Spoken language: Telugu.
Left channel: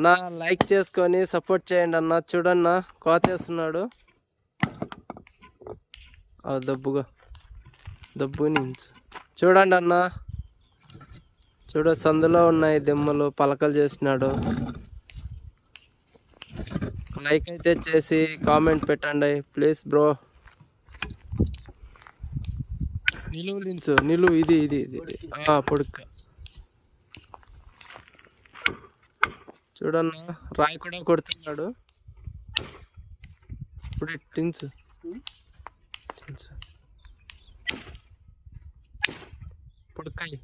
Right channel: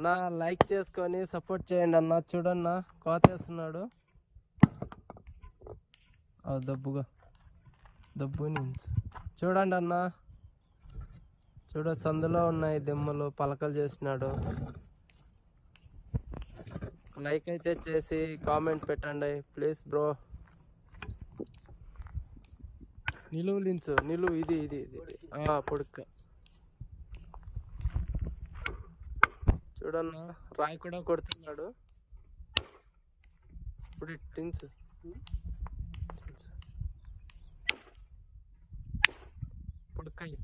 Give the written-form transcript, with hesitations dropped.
అన్నా లైక్ చేసుకొని సపోర్ట్ చేయండి అన్న. చూడన్నా కోతేస్తున్నాడు. దబ్బు నుంచి చూడండి అన్న. సందులో ఉన్నాయి దిమ్మలు, పలకలు చేసినాడు. లైక్ అయితే చేసి కామెంట్ పెట్టండి ప్లీజ్ బ్రో. నిలువు ఇది పొడుక్క చూడన్నా. రాయి కూడా కొడుతున్నాడు. ఇప్పుడు టిన్స్ పొడుక్కాయి.